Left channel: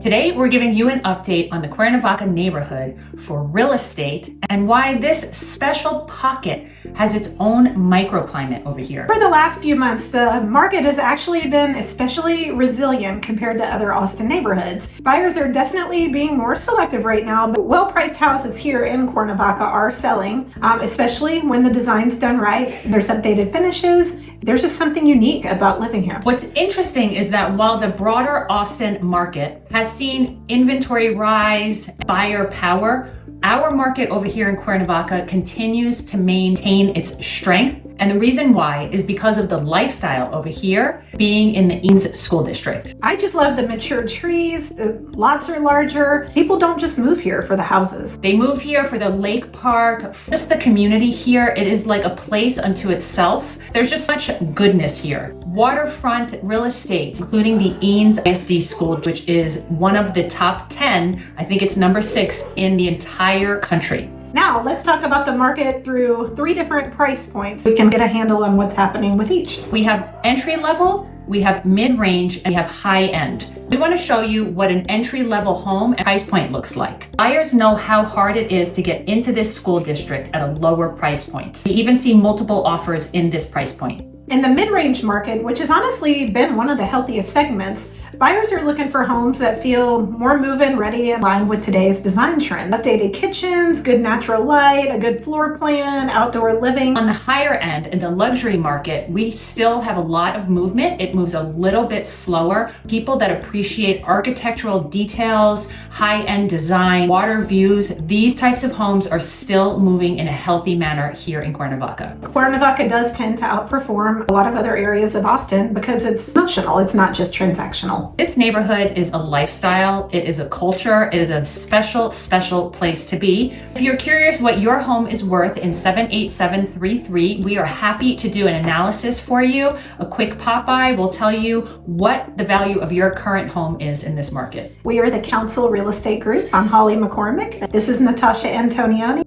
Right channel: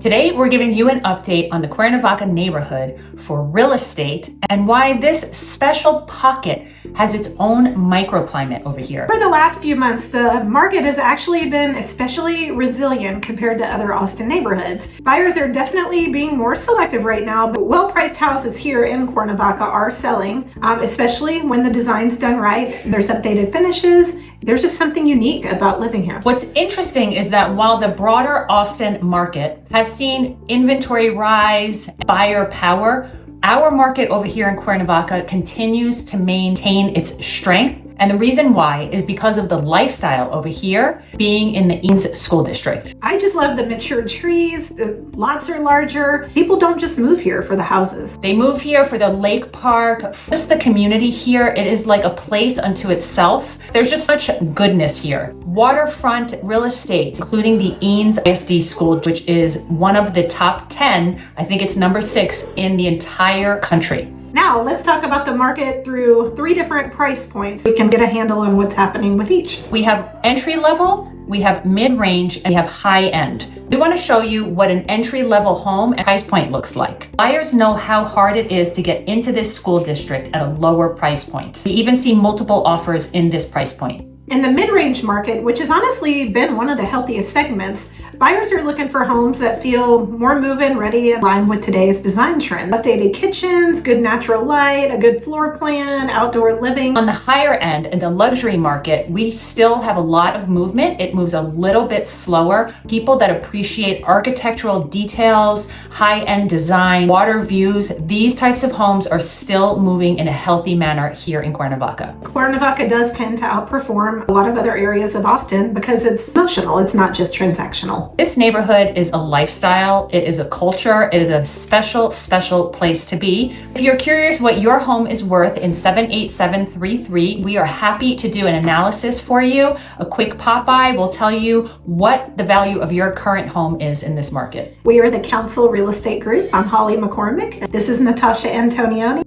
Today, we're giving you an update on the Cuernavaca neighborhood for real estate and why this special pocket has its own microclimate over here. For the last few months, the market has actually been especially resilient compared to other Austin neighborhoods. Buyers are definitely being more selective right now, but well-priced houses here in Cuernavaca are selling, especially when the design's done right. There's updated finishes. There's just something unique about living here. What's interesting is that while the broader Austin market has seen inventory rise, buyer power, our market over here in Cuernavaca continues to maintain its strength. And the reason why is because of the lifestyle over here being in the Eanes School District. I just love the mature trees. The lots are larger. People don't just move here for the houses. They move here for the lake park, just the community here. It is like a place unto itself. There's just such goodness here. Waterfront real estate, including the Eanes ISD school, which is one of the top 10, I think it's number 6 in the entire country. Now, let's talk about the market through 3 different price points. We can get a handle on what's happening with each. We have entry level, we have mid-range, and we have high end. We want to show you what an entry-level home and price point looks like. Buyers know how hard it is to get into this school district at a lower price point. We even see multiple offers in this price point. In the mid-range market, which has honestly been one of the healthiest segments, buyers are looking for homes that feel more move-in ready in line with today's design trend. Updated kitchens, good natural light, a good floor plan, outdoor living. On the higher end, in the luxury market, we still have a lot of movement. It moves a little bit slower. People that appreciate architectural details, high-end design, water views, these types of homes are still moving in a healthy manner here in Cuernavaca. Cuernavaca does tend to outperform a lot of other areas of Austin because it's emotional, it's not just transactional. This neighborhood is a lifestyle, it is a culture, it is a special, special place to be. If you're curious what your home is worth in 78733, we are happy to do an analysis for you. A quick pop-by will tell you what the value of your current home is in this market. We are the Council Real Estate Group. I'm Holly McCormick. This is Natasha Antonioni.